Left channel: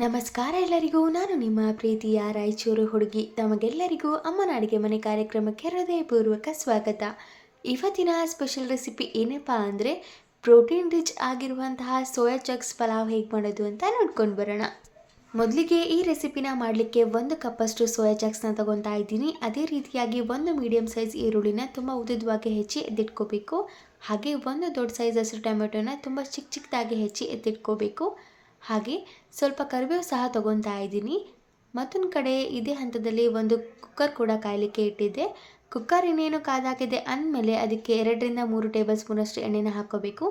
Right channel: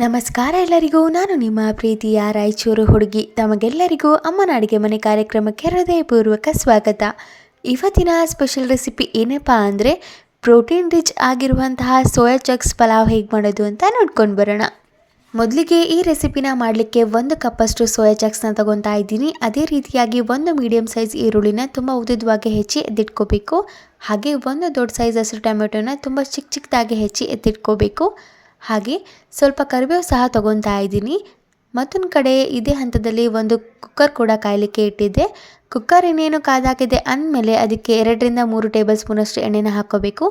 ನಮಸ್ಕಾರ ಎಲ್ಲರಿಗೂ. ನಾನು ನಿಮ್ಮ ಪ್ರೀತಿಯ ರಾಯಚೂರು ಹುಡುಗಿ. ತಮಗೆಲ್ಲರಿಗೂ ಅಮ್ಮನ ಅಡುಗೆ ಮನೆ ಕಾರ್ಯಕ್ರಮಕ್ಕೆ ಹೃದಯಪೂರ್ವಕ ಸ್ವಾಗತ. ಇವತ್ತಿನ ಸ್ಪೆಷಲ್ ರೆಸಿಪಿ ಏನಪ್ಪ ಅಂದರೆ ಪ್ರೋಟೀನ್ ರಿಚ್ ಆಗಿರುವಂತಹ ಸೋಯಾ ಚಂಕ್ಸ್ ಪಲಾವ್ ಹೇಗೆ ಮಾಡೋದು ಅಂತ ನೋಡ್ಕೊಂಡು ಬರೋಣ. ಮೊದಲಿಗೆ ಈ ರೆಸಿಪಿನ ಮಾಡಲಿಕ್ಕೆ 1 ಕಪ್ಪಷ್ಟು ಸೋಯಾ ಚಂಕ್ಸ್ನ ತಗೊತಾ ಇದ್ದೀನಿ. ಅದೇ ರೀತಿಯಾಗಿ 1 ಮೀಡಿಯಮ್ ಸೈಜ್ ಈರುಳ್ಳಿನ ತುಂಬ ಉದ್ದುದ್ದವಾಗಿ ಹೆಚ್ಚಿ ಎತ್ತಿಟ್ಕೋಬೇಕು. ಹಾಗೆ 1 ದೊಡ್ಡ ಸೈಜ್ ಹಸಿರು ಟೊಮೆಟೊನ ತುಂಬ ಚಿಕ್ಕದಾಗಿ ಹೆಚ್ಚಿ ಎತ್ತಿಟ್ಕೋಬೇಕು. ಹಾಗೆ ಸ್ವಲ್ಪ ಕರಿಬೇವು ಸಹ ತೊಗೊತಾ ಇದ್ದೀನಿ. ಮತ್ತೊಂದು ಕಡೆ ಇದೇ ಹಂತದಲ್ಲಿ ಒಂದು ಕುಕ್ಕರ್ ಕೂಡ ಕಾಯಲಿಕ್ಕೆ ಇಟ್ಟಿದ್ದೆ. ಕುಕ್ಕರ್ ಇನ್ನೇನು ಕಾದಾಗಿದೆ ಅಂದಮೇಲೆ ಅದಕ್ಕೆ 2ರಿಂದ 3 ಟೇಬಲ್ ಸ್ಪೂನಷ್ಟು ಎಣ್ಣೆನ ಹಾಕ್ಕೋಬೇಕು.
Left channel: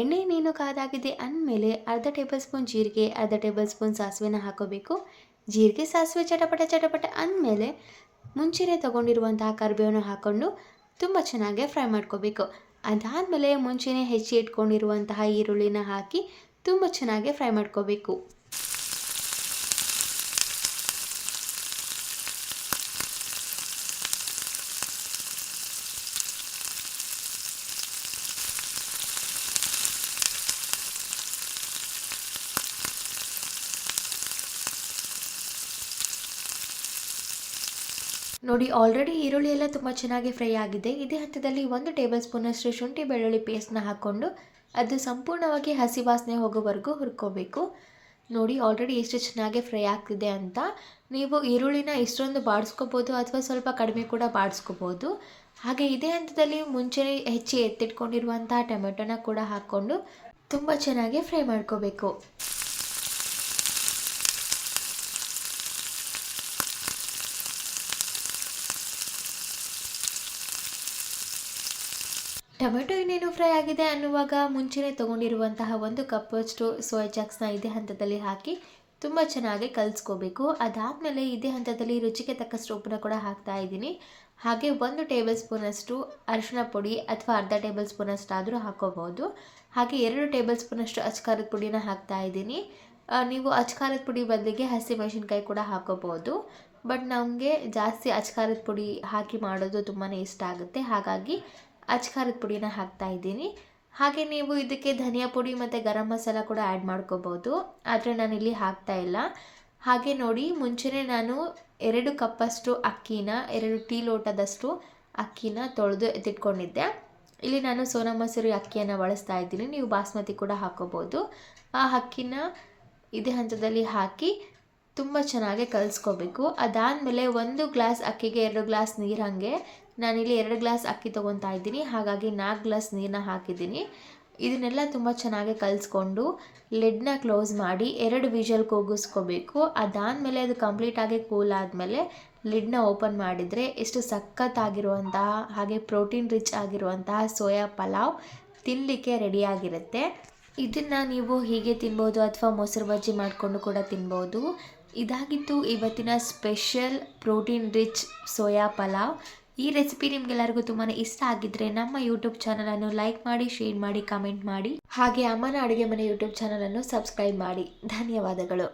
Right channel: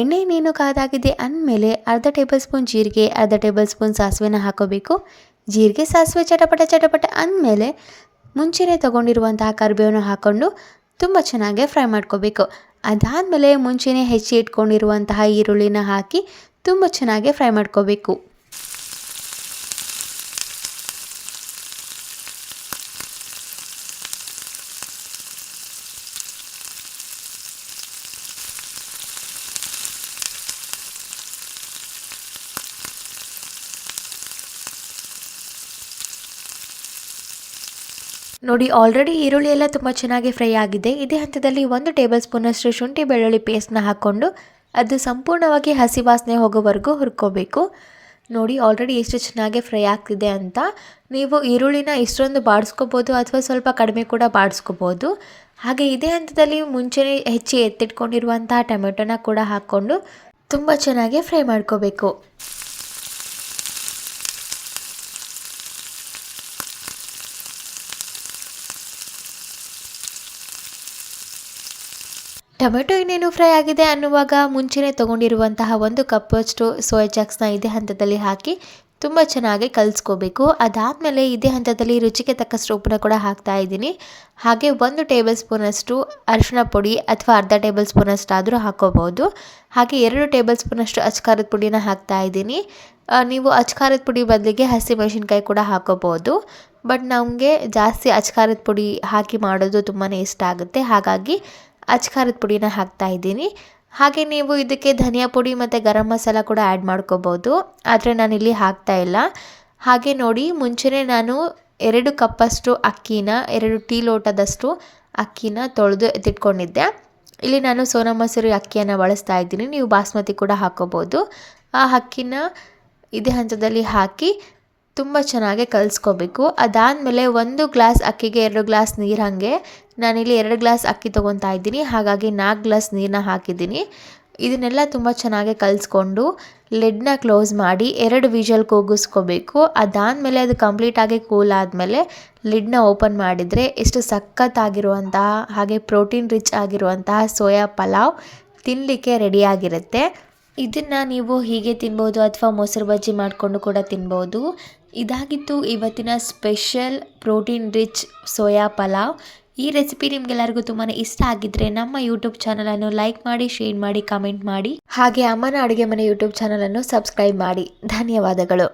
ಎಣ್ಣೆ ಇನ್ನೇನು ಕಾದಾಗಿದೆ ಅಂದಮೇಲೆ ಅರ್ಧ ಟೇಬಲ್ ಸ್ಪೂನ್ ಜೀರಿಗೆ, ಅರ್ಧ ಟೇಬಲ್ ಸ್ಪೂನ್ ಸಾಸಿವೆನ ಹಾಕ್ಕೋಬೇಕು. ಜೀರಿಗೆ ಸಾಸಿವೆ ಚಟಪಟ ಅಂದಮೇಲೆ ಮುಂಚೆನೇ ತೊಗೊಂಡಿರುವಂತಹ ಕರಿಬೇವನ್ನ ಹಾಕ್ಕೊಂಡು ತುಂಬ ಚೆನ್ನಾಗಿ ಫ್ರೈ ಮಾಡ್ಕೋಬೇಕು. ಅದಾದಮೇಲೆ ಮುಂಚೆನೇ ಹೆಚ್ಚಿ ಇಟ್ಕೊಂಡಿರುವಂತಹ ಈರುಳ್ಳಿನ ಹಾಕಿ ತುಂಬ ಚೆನ್ನಾಗಿ ಫ್ರೈ ಮಾಡ್ಕೋಬೇಕು. ನೋಡಿ, ಆಲ್ರೆಡಿ ಈರುಳ್ಳಿ ಎಲ್ಲ ತುಂಬ ಚೆನ್ನಾಗಿ ಫ್ರೈ ಆಗಿದೆ. ಇದೇ ಹಂತದಲ್ಲಿ 1 ಟೇಬಲ್ ಸ್ಪೂನಷ್ಟು ಶುಂಠಿ ಬೆಳ್ಳುಳ್ಳಿ ಪೇಸ್ಟ್ನ ಹಾಕ್ಕೊಂಡು ಅದು ಸಂಪೂರ್ಣವಾಗಿ ಹಸಿ ವಾಸನೆ ಹೋಗೋವರೆಗೂ ಹುರ್ಕೋಬೇಕು. ನೋಡಿ, ಆಲ್ರೆಡಿ ಎಷ್ಟು ಚೆನ್ನಾಗಿ ಫ್ರೈ ಆಗ್ತಿದೆ ಅಂತ. ನೀವು ಈರುಳ್ಳಿನ ಇಷ್ಟೊಂದು ಬಾಡಿಸ್ಕೋಬೋದು ಅಥವಾ ಸ್ವಲ್ಪ ಕಡಿಮೆ ಕೂಡ ಬಾಡಿಸ್ಕೋಬೋದು. ಹಾಗೆ ಇದೇ ಹಂತದಲ್ಲಿ ಮುಂಚೆನೇ ಹೆಚ್ಚಿ ಎತ್ತಿಟ್ಕೊಂಡಿರುವಂತಹ ಟೊಮೆಟೊನ ಕೂಡ ಹಾಕ್ಕೊಂಡು ತುಂಬ ಚೆನ್ನಾಗಿ ಫ್ರೈ ಮಾಡ್ಕೋಬೇಕು. ಟೊಮೆಟೊ ಇನ್ನೇನು ಫ್ರೈ ಆಗಿದೆ ಅನ್ನುವಾಗ ಮುಂಚೆನೇ ತೊಗೊಂಡಿರುವಂತಹ 1 ಕಪ್ಪಷ್ಟು ಸೋಯಾ ಚಂಕ್ಸ್ನ ಇದೇ ಹಂತದಲ್ಲಿ ಹಾಕಿ ತುಂಬ ಚೆನ್ನಾಗಿ ಕಲಿಸ್ಕೋಬೇಕು. ಅದಾದಮೇಲೆ ಇದೇ ಹಂತದಲ್ಲಿ ರುಚಿಗೆ ತಕ್ಕಷ್ಟು ಉಪ್ಪನ್ನ ಕೂಡ ಹಾಕ್ತಾ ಇದ್ದೀನಿ. ಹಾಗೆ 1 ಟೇಬಲ್ ಸ್ಪೂನಷ್ಟು ಅರಿಶಿಣ ಪುಡಿ ಅಥವಾ ಅರ್ಧ ಟೇಬಲ್ ಸ್ಪೂನಷ್ಟಾದರೂ ಹಾಕ್ಕೋಬೋದು. ಹಾಗೆ 2 ಟೇಬಲ್ ಸ್ಪೂನಷ್ಟು ಅಚ್ಕಾರದ ಪುಡಿನ ಹಾಕ್ತಾ ಇದ್ದೀನಿ. ನೀವು ಅಚ್ಕಾರದ ಪುಡಿ ಬದಲಿಗೆ ಹಸಿಮೆಣಸಿನ್ಕಾಯಿ ಕೂಡ ಹಾಕ್ಕೋಬೋದು. ಬಟ್ ನಮಗೆ ಜಾಸ್ತಿ ಅಚ್ಕಾರದ ಪುಡಿ ಹಾಕಿ ಮಾಡೋದು ತುಂಬಾ ಇಷ್ಟ ಆಗುತ್ತೆ. ಹಾಗಾಗಿ ಅಚ್ಕಾರದ ಪುಡಿನ ಹಾಕ್ತಾ ಇದ್ದೀನಿ. ಹಾಗೆ ನೀವು ಇದಕ್ಕೆ ಧನಿಯಾ ಪುಡಿ ಮತ್ತು ಗರಂ ಮಸಾಲ ಕೂಡ ಆ್ಯಡ್ ಮಾಡ್ಕೋಬೋದು. ಆದರೆ ನಾನಿಲ್ಲಿ ಹಾಕ್ತಾ ಇಲ್ಲ. ಹಾಗೆ ನೋಡಿ, ಮುಂಚೆನೇ ನಾನು 2 ಕಪ್ಪಷ್ಟು ಅಕ್ಕಿನ 2 ಟೀ ಲೋಟದಷ್ಟು ಅಕ್ಕಿನ ತೊಳೆದು ಎತ್ತಿಟ್ಕೊಂಡಿದ್ದೆ. ಇಲ್ಲಿ ನಾನು ಸೋನಾ ಮಸೂರಿ ಅಕ್ಕಿಯನ್ನು ಬಳಸ್ತಾ ಇದ್ದೀನಿ. ನೀವು ಬಾಸ್ಮತಿ ಕೂಡ ಹಾಕ್ಕೋಬೋದು. ಆ ಅಕ್ಕಿನ ಇದೇ ಹಂತದಲ್ಲಿ ಹಾಕಿ ತುಂಬ ಚೆನ್ನಾಗಿ ಕಲಿಸ್ಕೋಬೇಕು. ಅದಾದಮೇಲೆ 1 ಗ್ಲಾಸ್ ಅಕ್ಕಿಗೆ 2 ಗ್ಲಾಸ್ ನೀರು, ಹಾಗೆ ನಾನಿಲ್ಲಿ 2 ಗ್ಲಾಸ್ ಅಕ್ಕಿ ತೊಗೊತಾ ಇದ್ದೀನಿ. ಹಾಗಾಗಿ 4 ಗ್ಲಾಸ್ ನೀರನ್ನ ಹಾಕಿದ್ದೀನಿ. ಇದನ್ನೆಲ್ಲ ತುಂಬ ಚೆನ್ನಾಗಿ ಕಲಿಸ್ಕೊಂಡು ಲಿಡ್ನ ಕ್ಲೋಸ್ ಮಾಡಿ 2 ವಿಷಲ್ ಕೂಗಿಸ್ಕೋಬೇಕು. ಅದಾದಮೇಲೆ ಅದು ಕಂಪ್ಲೀಟಾಗಿ ಕೂಲ್ ಆದಮೇಲೆ ಲಿಡ್ನ ಓಪನ್ ಮಾಡಿದರೆ ಎಷ್ಟು ಸಖತ್ತಾಗಿರುವಂತಹ ಹಾಗೆ ಪ್ರೋಟೀನ್ ರಿಚ್ ಆಗಿರುವಂತಹ ಸೋಯಾ ಪಲಾವ್ ತಿನ್ನಲಿಕ್ಕೆ ರೆಡಿಯಾಗಿರುತ್ತೆ. ಇದನ್ನು ನೀವು ಹೀಗೆ ತಿನ್ಬೋದು ಅಥವಾ ಮೊಸರು ಬಜ್ಜಿ ಮಾಡಿಕೊಂಡು ಕೂಡ ತಿನ್ಬೋದು. ಇದಾಗಿತ್ತು ಇವತ್ತಿನ special protein rich soya pulao. ಈ ರೆಸಿಪಿ ನಿಮಗೆಲ್ಲರಿಗೂ ತುಂಬಾ ಇಷ್ಟ ಆಗಿದ್ದರೆ ನಮ್ಮ ಯೂಟ್ಯೂಬ್ ಚಾನಲನ್ನು ಲೈಕ್ ಮಾಡಿ, ಶೇರ್ ಮಾಡಿ, ಕಮೆಂಟ್ ಮಾಡಿ. ಹಾಗೆ ಅಮ್ಮನ ಅಡುಗೆ ಮನೆ ಯೂಟ್ಯೂಬ್ ಚಾನಲನ್ನು ಸಬ್ಸ್ಕ್ರೈಬ್ ಮಾಡಿ. ಧನ್ಯವಾದಗಳು.